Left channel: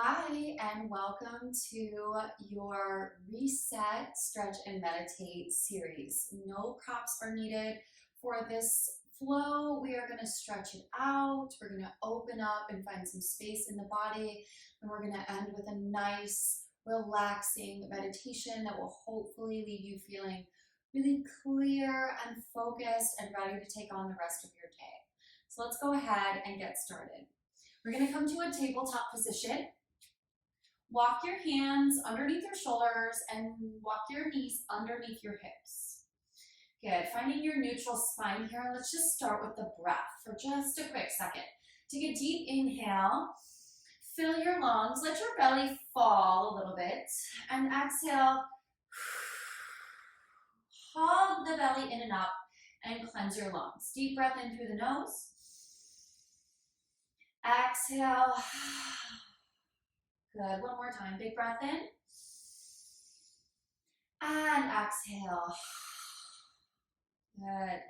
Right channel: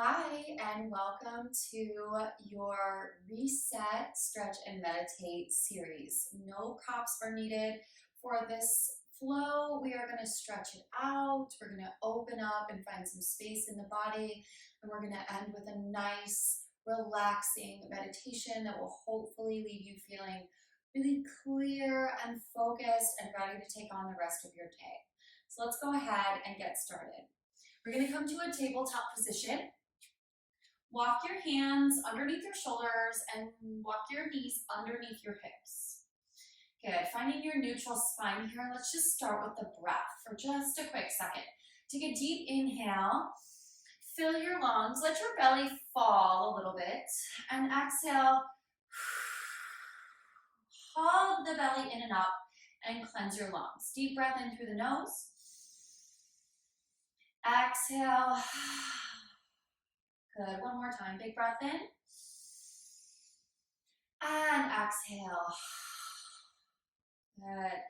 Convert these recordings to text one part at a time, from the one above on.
Hi, and welcome to your Reset, Stretch, and Meditate series. No props are needed for this flow. We are going to stretch it out. We're going to open up and find some space in the body. And we're going to end with a nice, relaxing meditation that will hopefully leave you feeling really clear and focused and ready to take on the rest of your day. So let's go ahead and get started. We're going to come to a tabletop position. Walk your hands underneath your shoulders and walk your knees underneath your hips. Good. Finding your neutral spine here. Let's just start with the breath for just a quick second. Take a deep inhale. Fill your lungs. Let your belly fall a little bit. And exhale. Hug the belly in and up and cleanse your lungs. Deep breath in through the nose. Exhale. Good. One more time. Big breath in. And exhale. Good.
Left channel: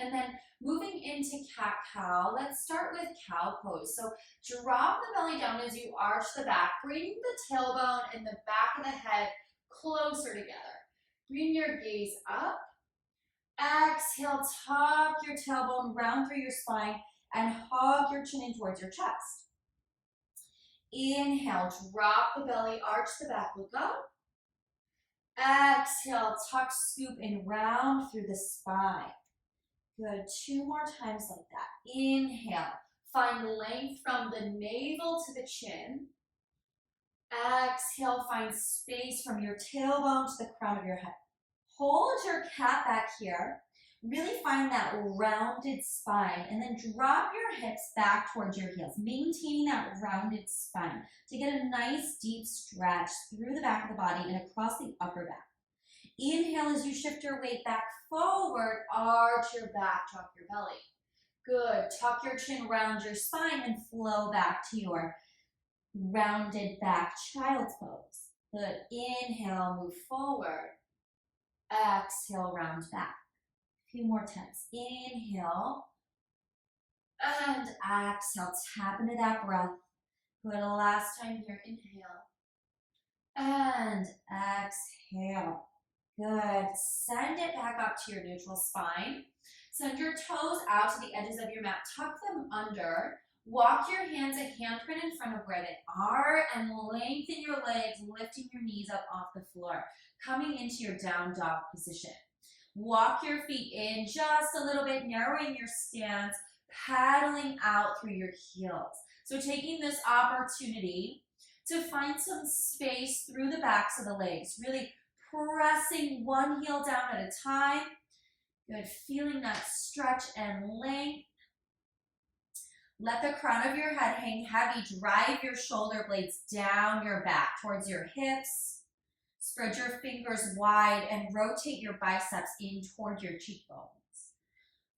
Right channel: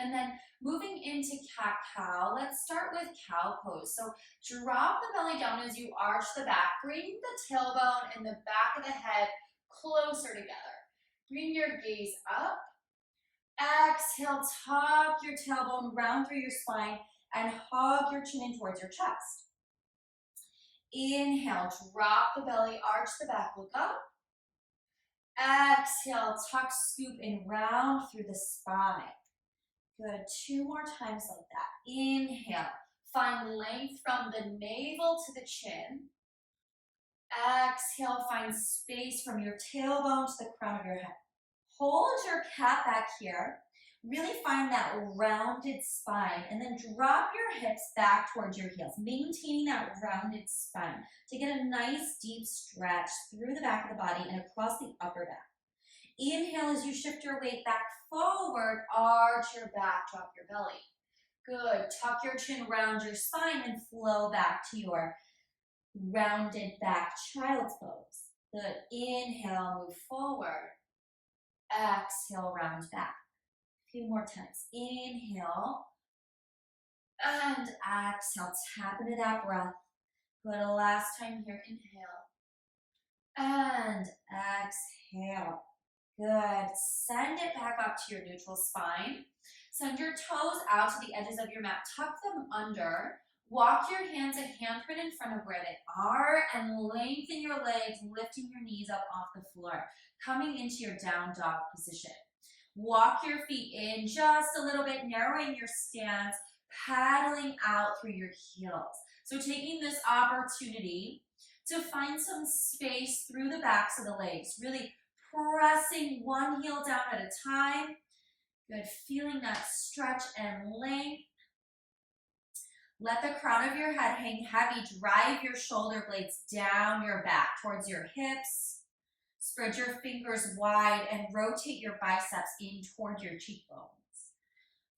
And then moving into cat-cow, let's start with cow pose. So drop the belly down as you arch the back. Bring the tailbone and the back of the head closer together. Bring your gaze up. Exhale, tuck your tailbone round through your spine and hug your chin in towards your chest. Inhale, drop the belly, arch the back, look up. Exhale, tuck, scoop, and round through the spine. Good, 2 more times like that. Inhale, find length from the navel to the chin. Exhale, find space from your tailbone to the crown of your head. Hold your cat back here. Really find that rounded spine and then drop your hips back towards your heels, maintaining that rounded spine to get a nice deep stretch through the back of the body and across the upper back. Inhale as you shift your weight back forward, arch your back, drop your belly. Good, tuck your chin, round your spine and flow back to your rounded back child's pose. Good, inhale, move forward. Exhale, round back. Few more times. Inhale and exhale. Tap into that breath. Good. Last time here. Inhale and exhale. Good. Send it back up to your neutral spine. Send your toes out to the edges of your mat. Tuck them under. Walk your hands a handprint in front of where they are and lengthen your legs, lifting your knees up off the floor. Coming into your down dog position. Walk your feet in just a little bit, narrowing your stance, paddling out through your heels. So taking this opportunity to find some space through the backs of the legs, really pressing one heel down at a time. Good, feeling that stretch and length. Let the crown of your head hang heavy. Drive your shoulder blades down your back towards your hips. Spread your fingers wide and rotate your biceps in toward your cheekbones.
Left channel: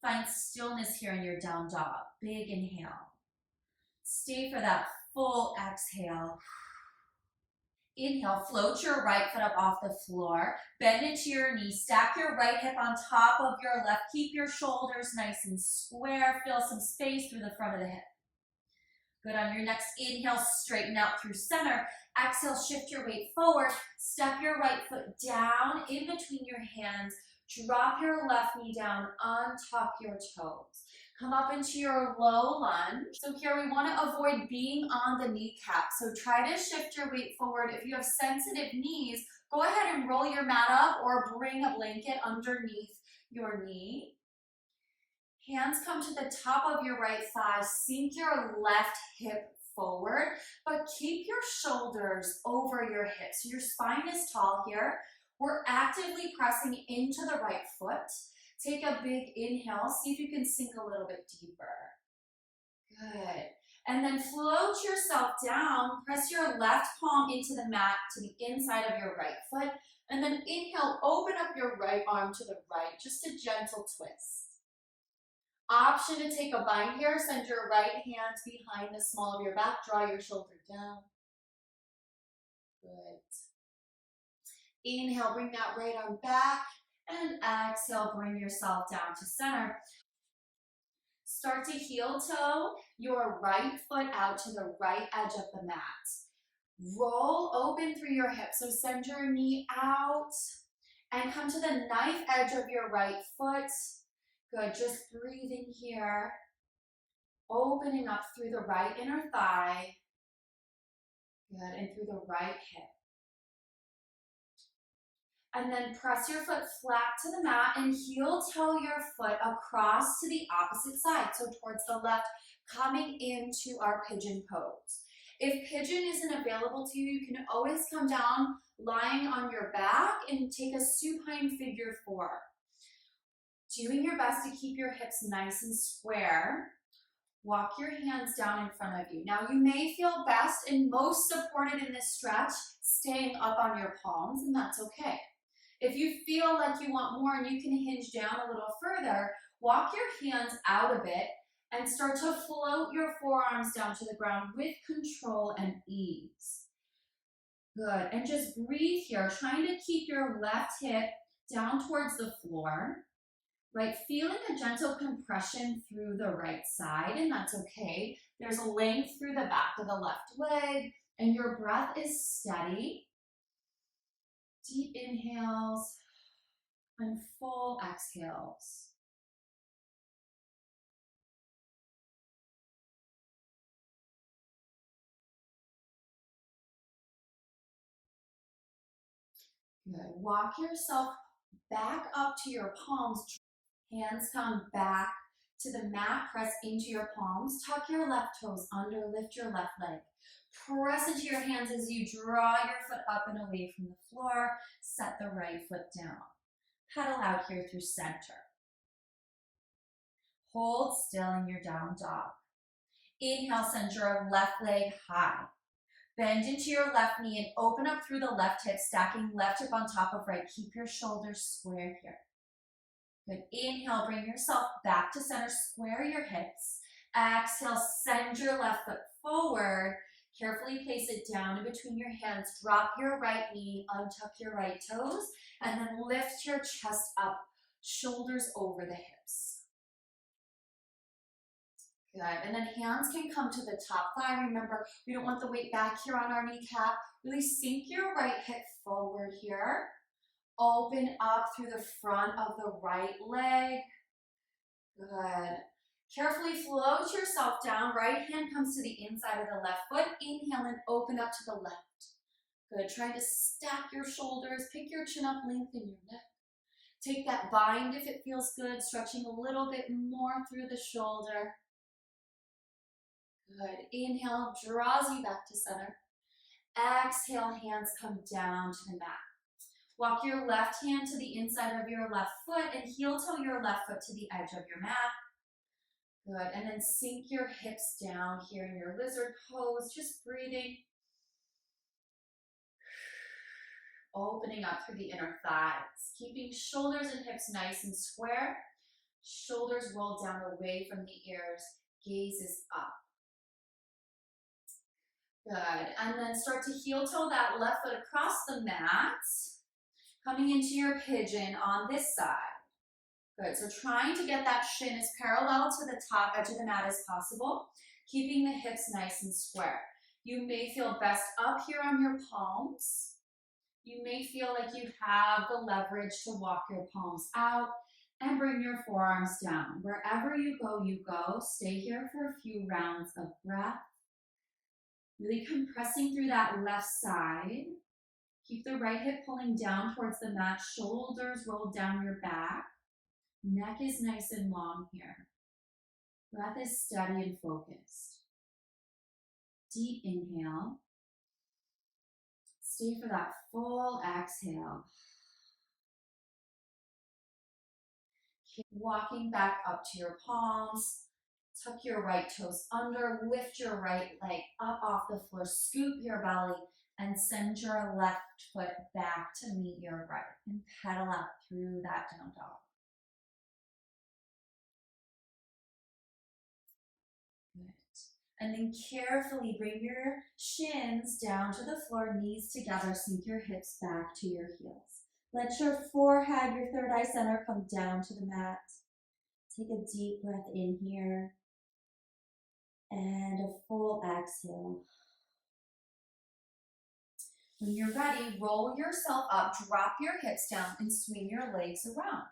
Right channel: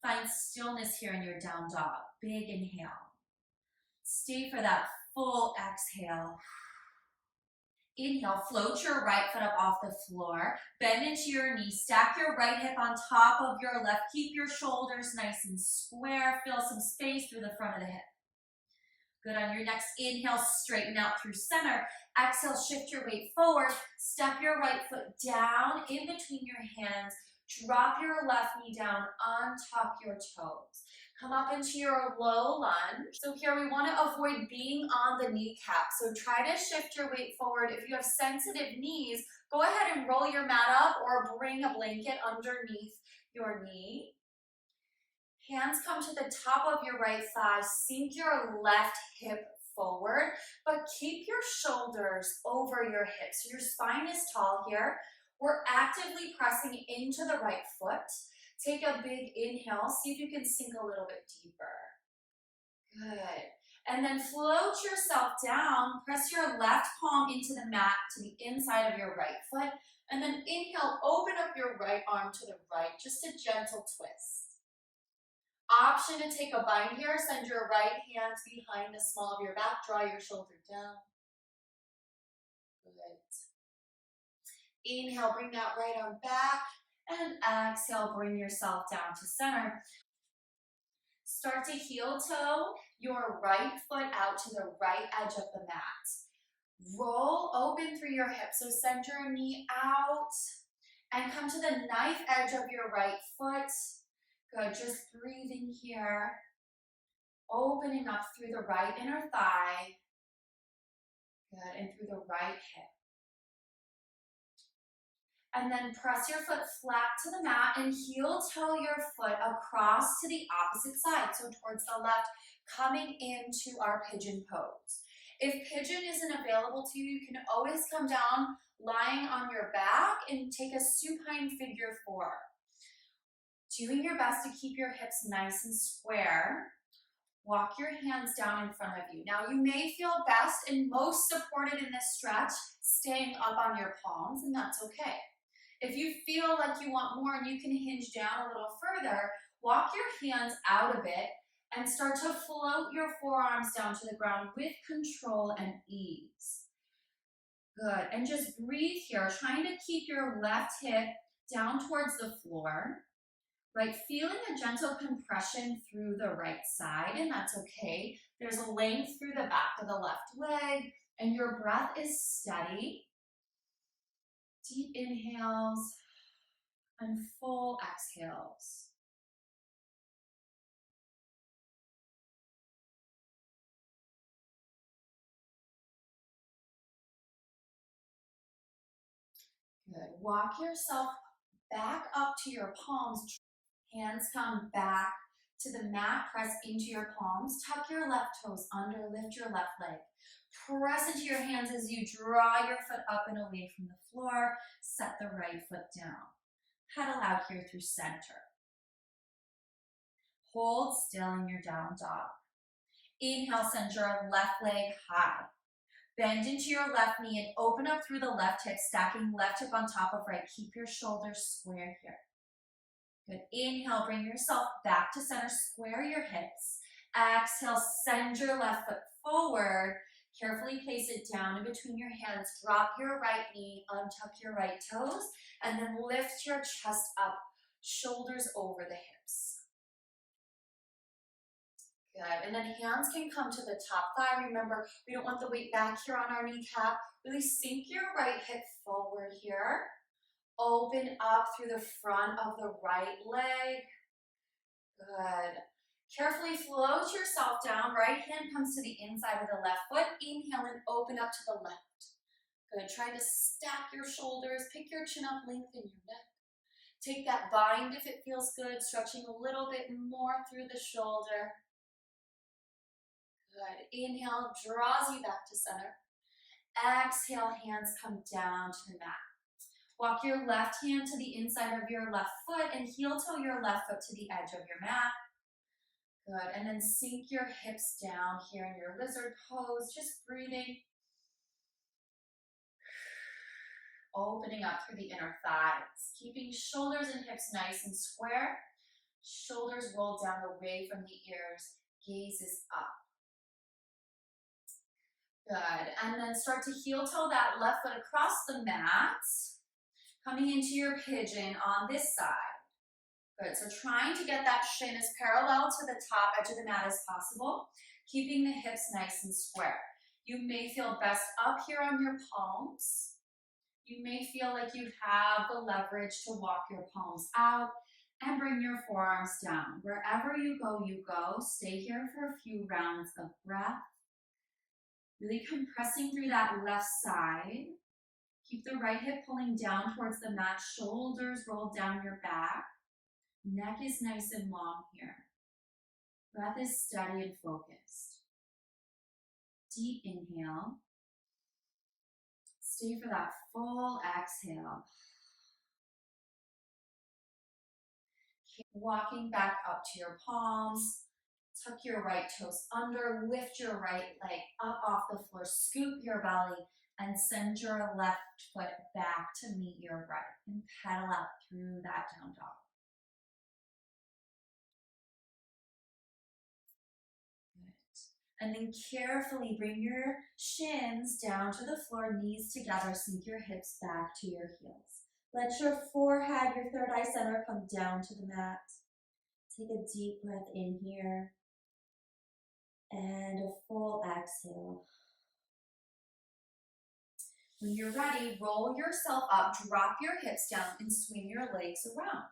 Find stillness here in your down dog. Big inhale. Stay for that full exhale. Inhale, float your right foot up off the floor. Bend into your knees. Stack your right hip on top of your left. Keep your shoulders nice and square. Feel some space through the front of the hip. Good. On your next inhale, straighten out through center. Exhale, shift your weight forward. Step your right foot down in between your hands. Drop your left knee down, untuck your toes. Come up into your low lunge. So here we want to avoid being on the kneecap. So try to shift your weight forward. If you have sensitive knees, go ahead and roll your mat up or bring a blanket underneath your knee. Hands come to the top of your right thigh. Sink your left hip forward, but keep your shoulders over your hips. So your spine is tall here. We're actively pressing into the right foot. Take a big inhale. See if you can sink a little bit deeper. Good. And then float yourself down. Press your left palm into the mat to the inside of your right foot. And then inhale, open up your right arm to the right. Just a gentle twist. Option to take a bind here. Send your right hand behind the small of your back. Draw your shoulder down. Good. Inhale, bring that right arm back. And exhale, bring yourself down to center. Start to heel toe your right foot out to the right edge of the mat. Roll open through your hips. So send your knee out and come to the knife edge of your right foot. Good, just breathing here. Opening up through the right inner thigh. Good, and through the right hip. And then press your foot flat to the mat and heel toe your foot across to the opposite side, so towards the left, coming into our pigeon pose. If pigeon isn't available to you, you can always come down lying on your back and take a supine figure 4. Doing your best to keep your hips nice and square. Walk your hands down in front of you. Now you may feel best and most supported in this stretch staying up on your palms, and that's okay. If you feel like you want more and you can hinge down a little further, walk your hands out a bit and start to float your forearms down to the ground with control and ease. Good, and just breathe here, trying to keep your left hip down towards the floor, right? Feeling a gentle compression through the right side, and that's okay. There's a length through the back of the left leg, and your breath is steady. Deep inhales and full exhales. Good. Walk yourself back up to your palms. Hands come back to the mat. Press into your palms. Tuck your left toes under. Lift your left leg. Press into your hands as you draw your foot up and away from the floor. Set the right foot down. Pedal out here through center. Hold still in your down dog. Inhale, send your left leg high. Bend into your left knee and open up through the left hip, stacking left hip on top of right. Keep your shoulders square here. Good. Inhale, bring yourself back to center. Square your hips. Exhale, send your left foot forward. Carefully place it down in between your hands. Drop your right knee, untuck your right toes, and then lift your chest up, shoulders over the hips. Good, and then hands can come to the top thigh. Remember, we don't want the weight back here on our kneecap. Really sink your right hip forward here. Open up through the front of the right leg. Good. Carefully float yourself down. Right hand comes to the inside of the left foot. Inhale and open up to the left. Good. Try to stack your shoulders. Pick your chin up, lengthen your neck. Take that bind if it feels good, stretching a little bit more through the shoulder. Good. Inhale draws you back to center. Exhale, hands come down to the mat. Walk your left hand to the inside of your left foot and heel toe your left foot to the edge of your mat. Good, and then sink your hips down here in your lizard pose, just breathing. Opening up through the inner thighs, keeping shoulders and hips nice and square. Shoulders roll down away from the ears, gaze is up. Good, and then start to heel toe that left foot across the mat. Coming into your pigeon on this side. Good, so trying to get that shin as parallel to the top edge of the mat as possible, keeping the hips nice and square. You may feel best up here on your palms. You may feel like you have the leverage to walk your palms out and bring your forearms down. Wherever you go, Stay here for a few rounds of breath. Really compressing through that left side. Keep the right hip pulling down towards the mat, shoulders roll down your back. Neck is nice and long here. Breath is steady and focused. Deep inhale. Stay for that full exhale. Keep walking back up to your palms. Tuck your right toes under, lift your right leg up off the floor, scoop your belly, and send your left foot back to meet your right. And pedal out through that down dog. Good. And then carefully bring your shins down to the floor, knees together, sink your hips back to your heels. Let your forehead, your third eye center, come down to the mat. Take a deep breath in here. And a full exhale. When you're ready, roll yourself up, drop your hips down, and swing your legs around.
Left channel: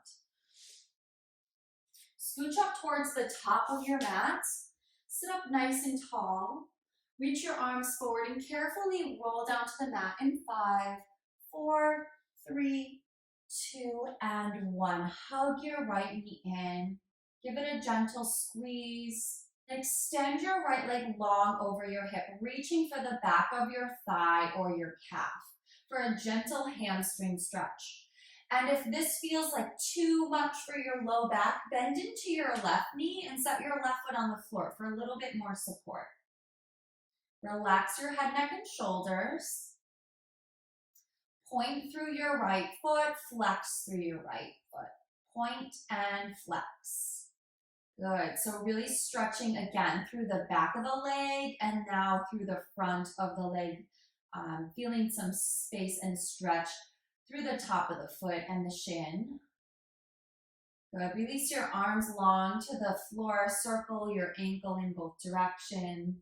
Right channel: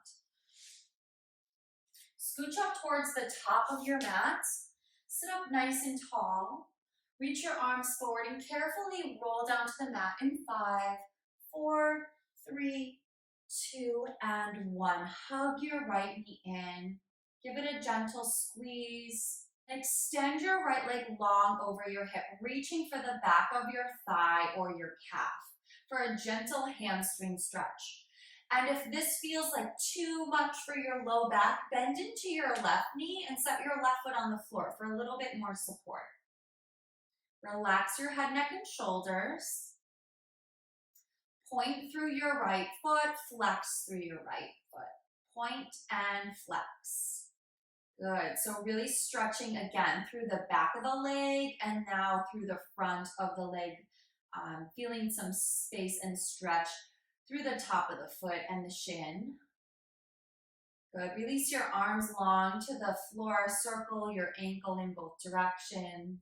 Scooch up towards the top of your mat. Sit up nice and tall. Reach your arms forward and carefully roll down to the mat in 5, 4, 3, 2, and 1. Hug your right knee in. Give it a gentle squeeze. Extend your right leg long over your hip, reaching for the back of your thigh or your calf for a gentle hamstring stretch. And if this feels like too much for your low back, bend into your left knee and set your left foot on the floor for a little bit more support. Relax your head, neck, and shoulders. Point through your right foot, flex through your right foot. Point and flex. Good, so really stretching again through the back of the leg and now through the front of the leg, feeling some space and stretch through the top of the foot and the shin. Good, release your arms long to the floor, circle your ankle in both directions.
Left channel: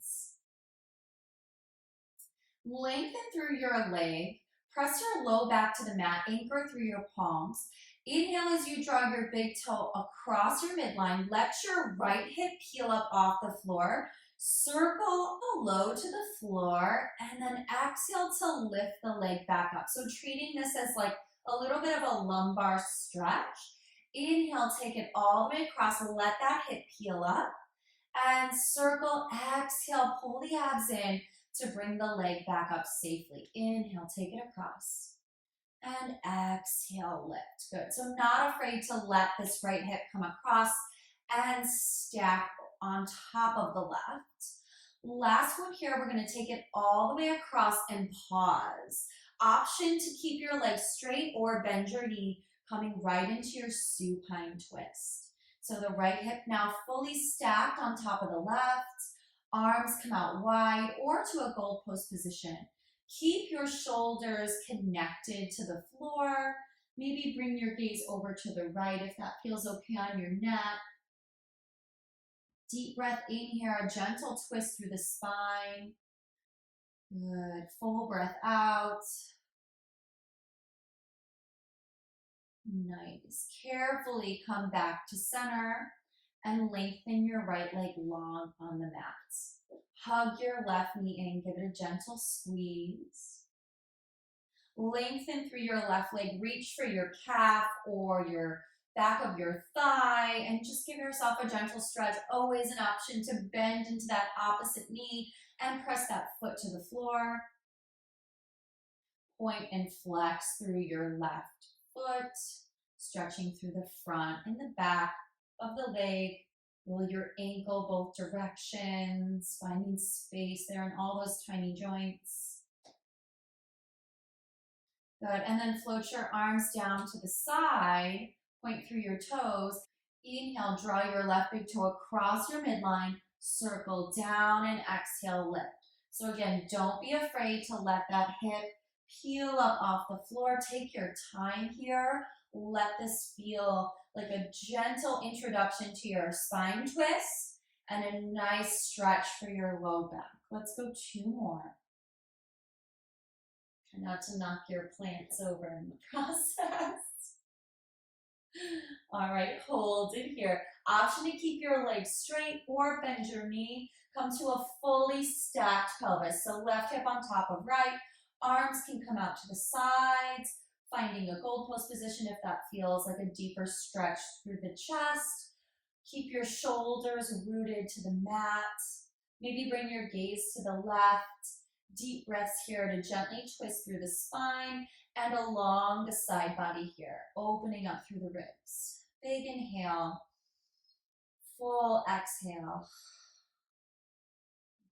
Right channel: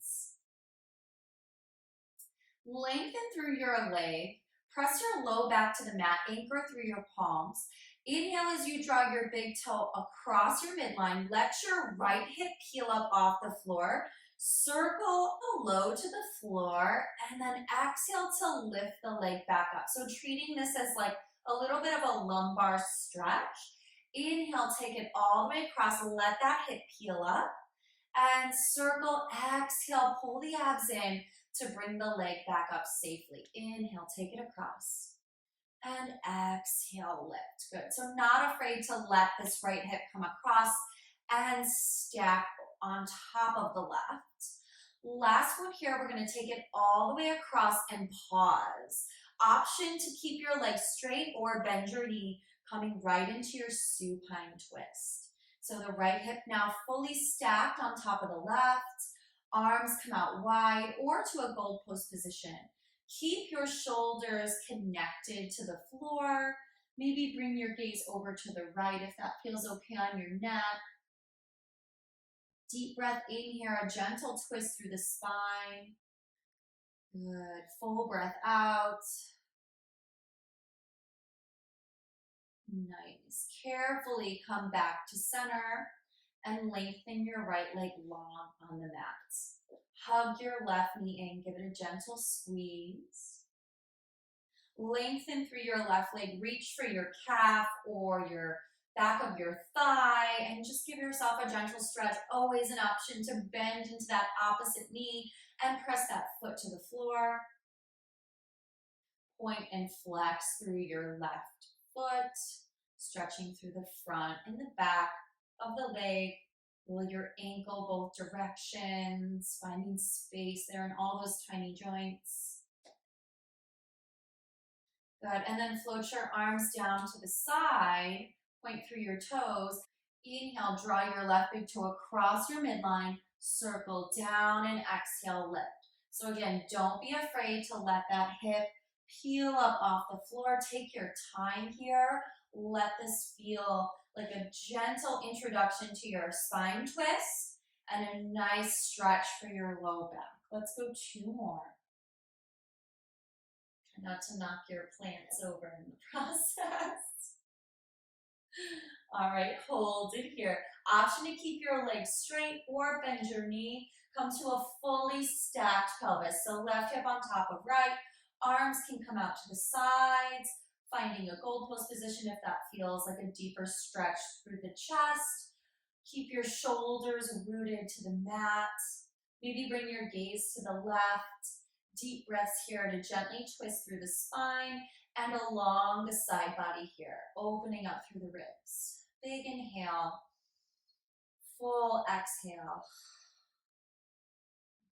Lengthen through your leg, press your low back to the mat, anchor through your palms. Inhale as you draw your big toe across your midline. Let your right hip peel up off the floor. Circle the low to the floor and then exhale to lift the leg back up. So treating this as like a little bit of a lumbar stretch. Inhale, take it all the way across. Let that hip peel up and circle. Exhale, pull the abs in to bring the leg back up safely. Inhale, take it across. And exhale, lift. Good. So not afraid to let this right hip come across and stack on top of the left. Last one here, we're going to take it all the way across and pause. Option to keep your legs straight or bend your knee, coming right into your supine twist. So the right hip now fully stacked on top of the left. Arms come out wide or to a gold post position. Keep your shoulders connected to the floor. Maybe bring your gaze over to the right if that feels okay on your neck. Deep breath in here, a gentle twist through the spine. Good. Full breath out. Nice. Carefully come back to center and lengthen your right leg long on the mat. Hug your left knee in, give it a gentle squeeze. Lengthen through your left leg, reach for your calf or your back of your thigh and just give yourself a gentle stretch. Always an option to bend into that opposite knee and press that foot to the floor. Point and flex through your left foot, stretching through the front and the back of the leg. Roll your ankle both directions, finding space there in all those tiny joints. Good, and then float your arms down to the side, point through your toes. Inhale, draw your left big toe across your midline, circle down and exhale, lift. So again, don't be afraid to let that hip peel up off the floor. Take your time here. Let this feel like a gentle introduction to your spine twist and a nice stretch for your low back. Let's go 2 more. Try not to knock your plants over in the process. All right, hold it here. Option to keep your legs straight or bend your knee. Come to a fully stacked pelvis. So left hip on top of right. Arms can come out to the sides. Finding a gold post position if that feels like a deeper stretch through the chest. Keep your shoulders rooted to the mat. Maybe bring your gaze to the left. Deep breaths here to gently twist through the spine and along the side body here, opening up through the ribs. Big inhale, full exhale.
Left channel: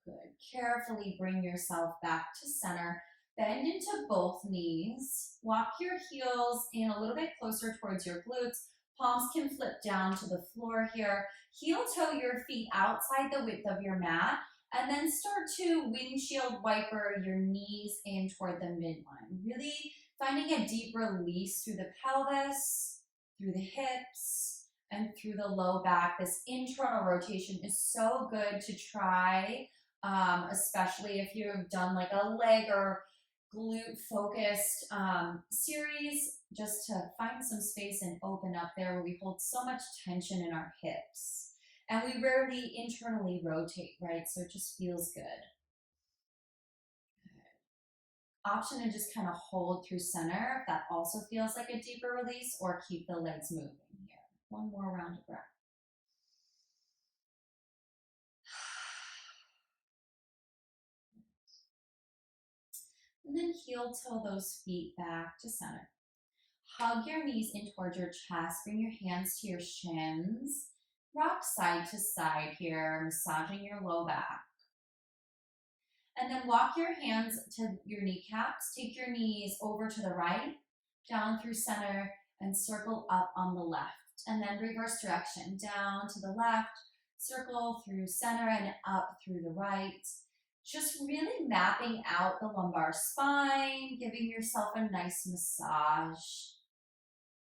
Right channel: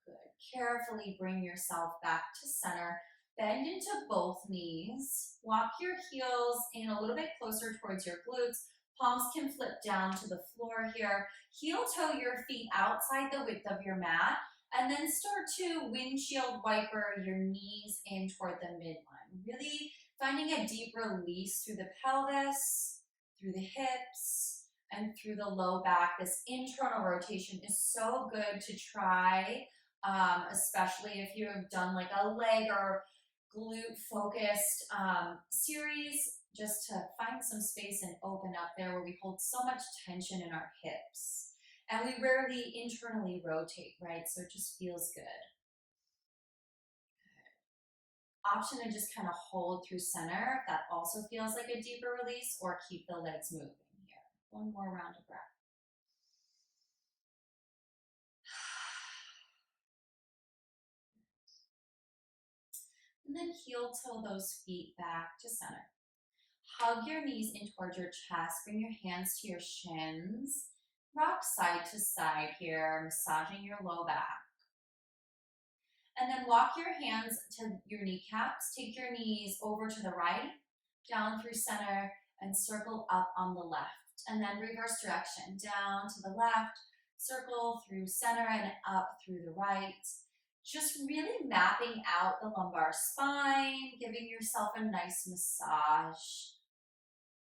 Good. Carefully bring yourself back to center. Bend into both knees. Walk your heels in a little bit closer towards your glutes. Palms can flip down to the floor here. Heel toe your feet outside the width of your mat. And then start to windshield wiper your knees in toward the midline. Really finding a deep release through the pelvis, through the hips, and through the low back. This internal rotation is so good to try, especially if you've done like a leg or glute focused series just to find some space and open up there where we hold so much tension in our hips. And we rarely internally rotate, right? So it just feels good. Option to just kind of hold through center if that also feels like a deeper release, or keep the legs moving here. One more round of breath. And then heel toe those feet back to center. Hug your knees in towards your chest. Bring your hands to your shins. Rock side to side here, massaging your low back. And then walk your hands to your kneecaps. Take your knees over to the right, down through center, and circle up on the left. And then reverse direction, down to the left, circle through center and up through the right. Just really mapping out the lumbar spine, giving yourself a nice massage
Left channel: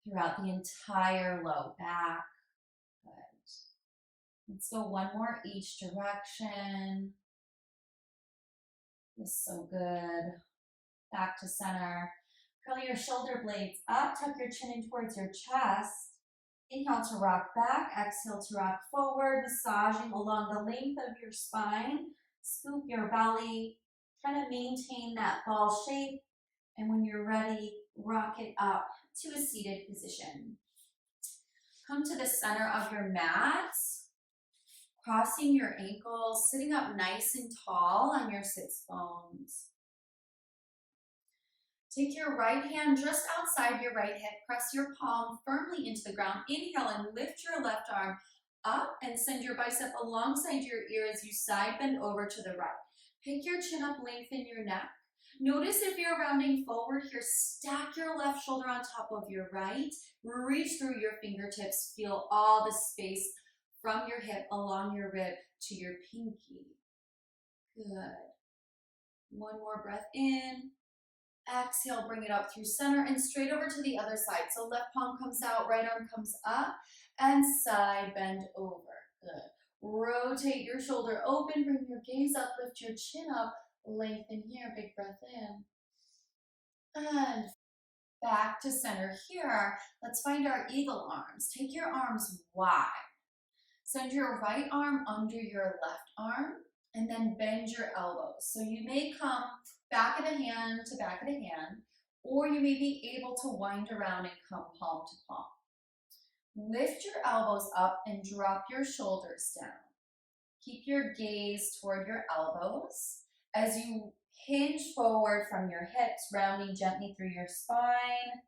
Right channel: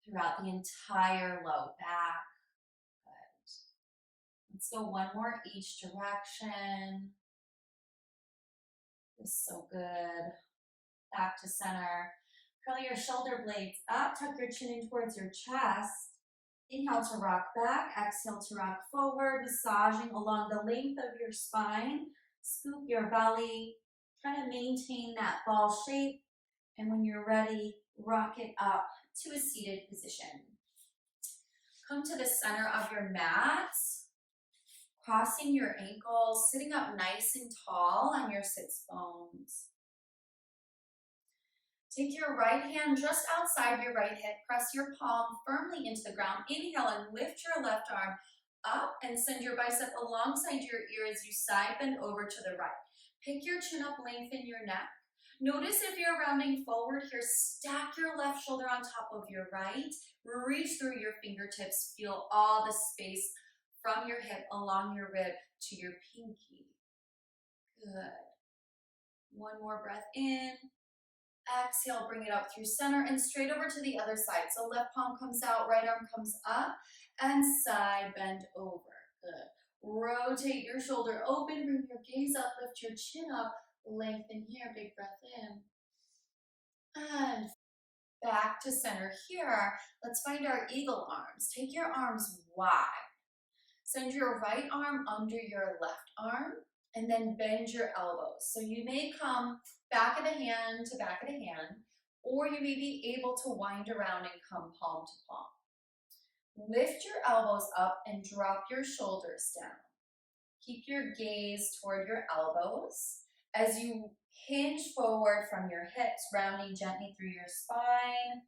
throughout the entire low back. Good. Let's go one more each direction. This is so good. Back to center. Curl your shoulder blades up, tuck your chin in towards your chest. Inhale to rock back, exhale to rock forward, massaging along the length of your spine. Scoop your belly, try to maintain that ball shape, and when you're ready, rock it up to a seated position. Come to the center of your mat, crossing your ankles, sitting up nice and tall on your sits bones. Take your right hand just outside your right hip, press your palm firmly into the ground. Inhale and lift your left arm up and send your bicep alongside your ear as you side bend over to the right. Pick your chin up, lengthen your neck. Notice if you're rounding forward here, stack your left shoulder on top of your right. Reach through your fingertips. Feel all the space from your hip along your rib to your pinky. Good. One more breath in. Exhale, bring it up through center and straight over to the other side. So left palm comes out, right arm comes up, and side bend over. Good. Rotate your shoulder open, bring your gaze up, lift your chin up, lengthen here, big breath in. And back to center here. Let's find our eagle arms. Take your arms wide. Send your right arm under your left arm, and then bend your elbows. So you may come back of the hand to back of the hand, or you may be able to wind around and come palm to palm. Lift your elbows up and drop your shoulders down. Keep your gaze toward your elbows as you hinge forward from your hips, rounding gently through your spine.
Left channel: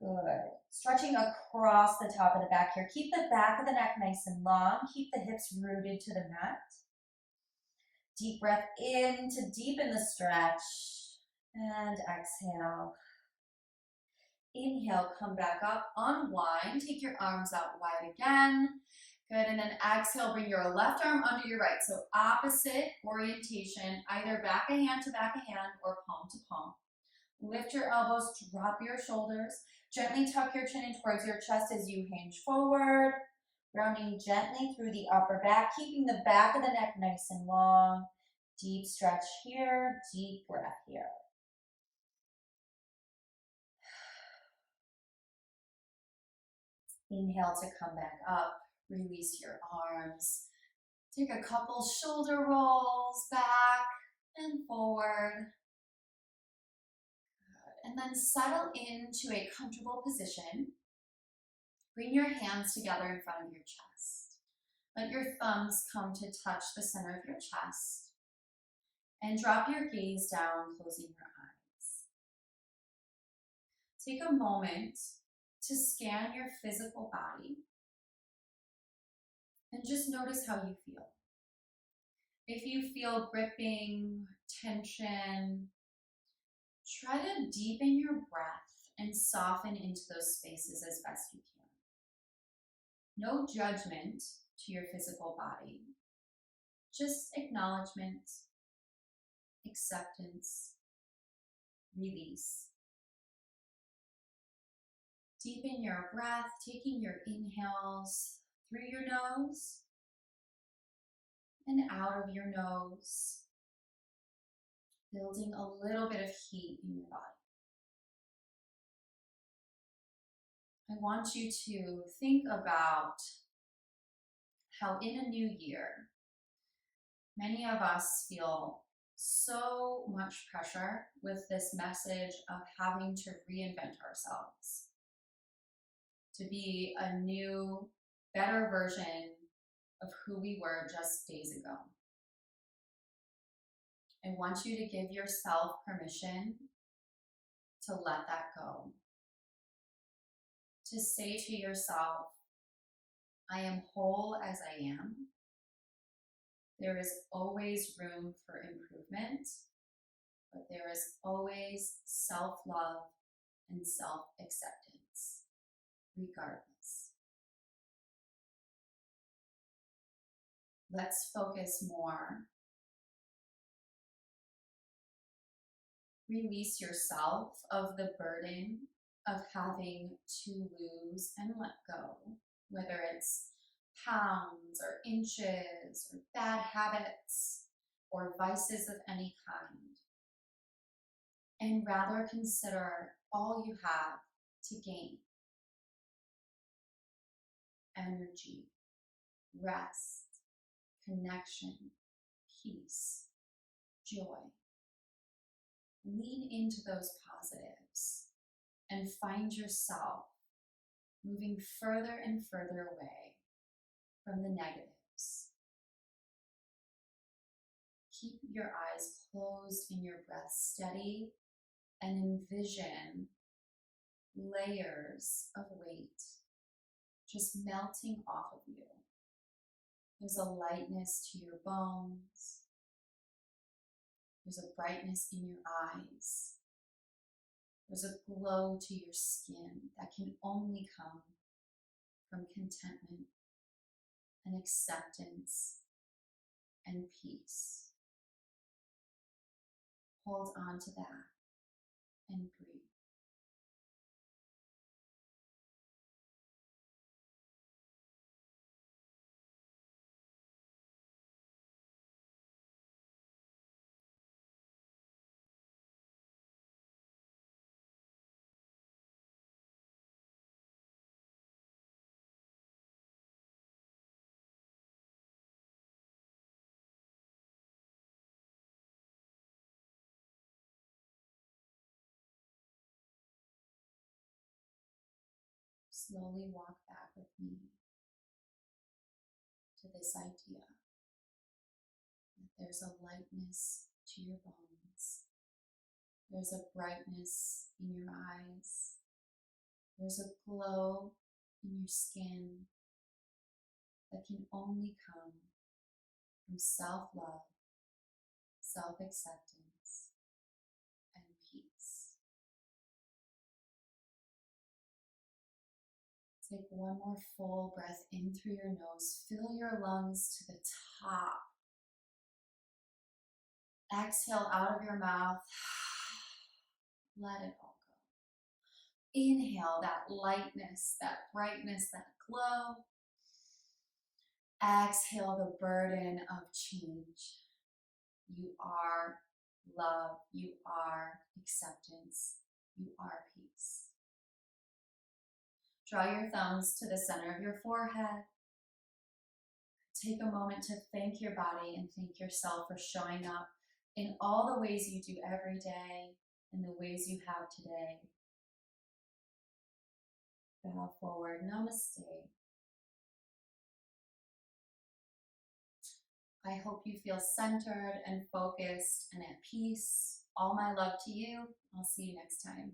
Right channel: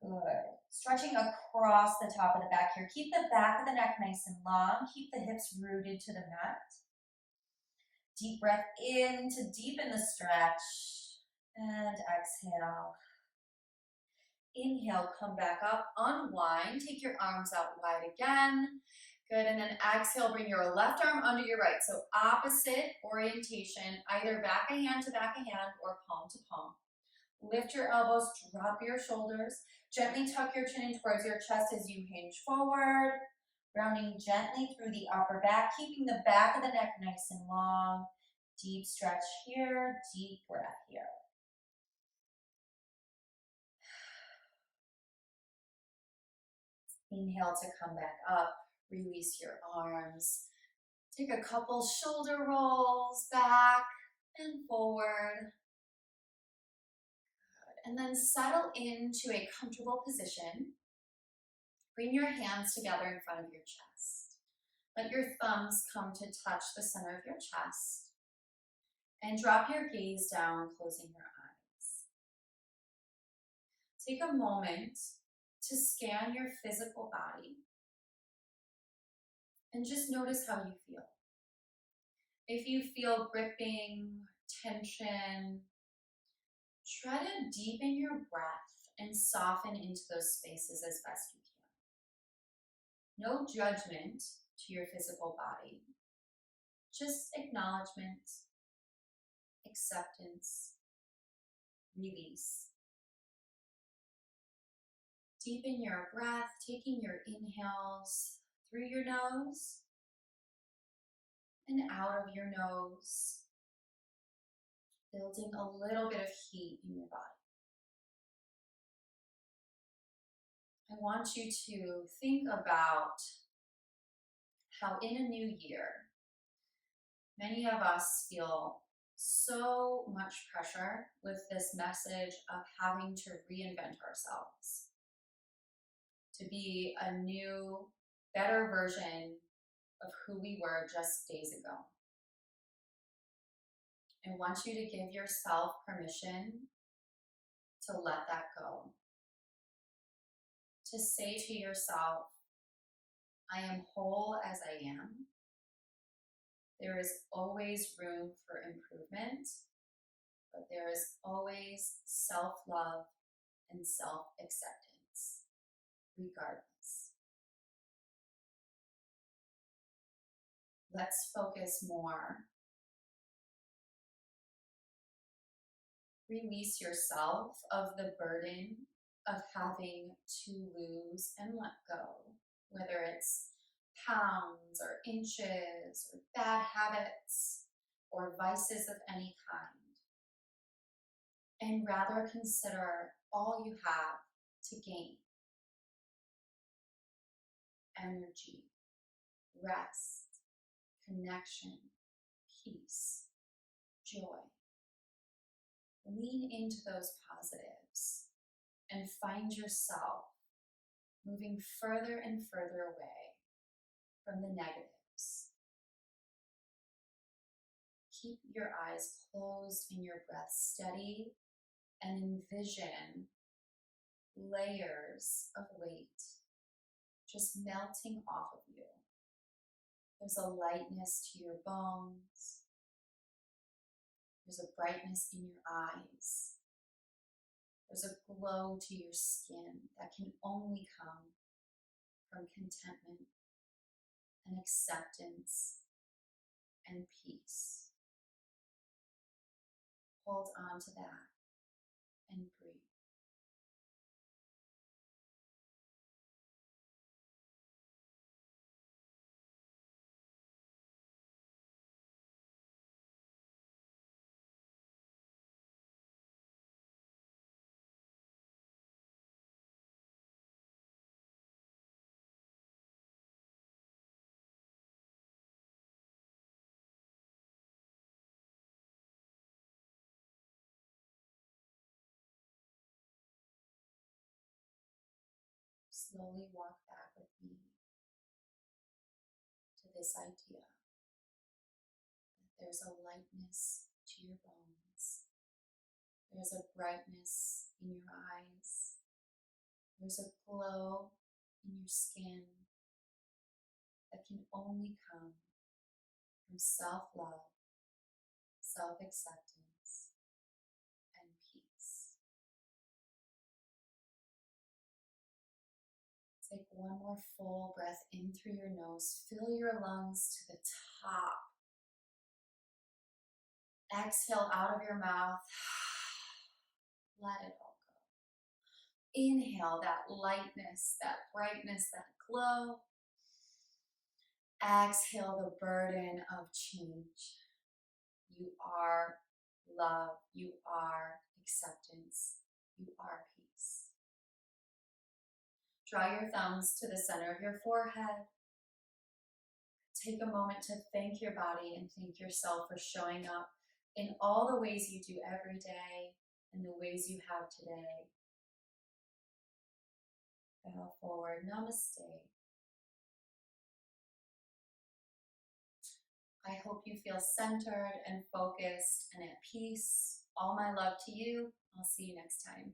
Good. Stretching across the top of the back here. Keep the back of the neck nice and long. Keep the hips rooted to the mat. Deep breath in to deepen the stretch. And exhale. Inhale, come back up, unwind. Take your arms out wide again. Good, and then exhale, bring your left arm under your right. So opposite orientation, either back of hand to back of hand or palm to palm. Lift your elbows, drop your shoulders. Gently tuck your chin in towards your chest as you hinge forward. Rounding gently through the upper back, keeping the back of the neck nice and long. Deep stretch here, deep breath here. Inhale to come back up, release your arms. Take a couple shoulder rolls back and forward. Good. And then settle into a comfortable position. Bring your hands together in front of your chest. Let your thumbs come to touch the center of your chest. And drop your gaze down, closing your eyes. Take a moment to scan your physical body and just notice how you feel. If you feel gripping, tension, try to deepen your breath and soften into those spaces as best you can. No judgment to your physical body, just acknowledgement, acceptance, release. Deepen your breath, taking your inhales through your nose and out of your nose. building a little bit of heat in your body. I want you to think about how in a new year, many of us feel so much pressure with this message of having to reinvent ourselves, to be a new, better version of who we were just days ago. I want you to give yourself permission to let that go. To say to yourself, I am whole as I am. There is always room for improvement, but there is always self-love and self-acceptance, regardless. Let's focus more. Release yourself of the burden of having to lose and let go, whether it's pounds or inches or bad habits or vices of any kind. And rather consider all you have to gain: energy, rest, connection, peace, joy. Lean into those positives and find yourself moving further and further away from the negatives. Keep your eyes closed and your breath steady and envision layers of weight just melting off of you. There's a lightness to your bones. There's a brightness in your eyes. There's a glow to your skin that can only come from contentment and acceptance and peace. Hold on to that and breathe. Slowly walk back with me to this idea that there's a lightness to your bones. There's a brightness in your eyes. There's a glow in your skin that can only come from self-love, self-acceptance, and peace. Take one more full breath in through your nose. Fill your lungs to the top. Exhale out of your mouth. Let it all go. Inhale that lightness, that brightness, that glow. Exhale the burden of change. You are love. You are acceptance. You are peace. Draw your thumbs to the center of your forehead. Take a moment to thank your body and thank yourself for showing up in all the ways you do every day and the ways you have today. Bow forward. Namaste. I hope you feel centered and focused and at peace. All my love to you. I'll see you next time.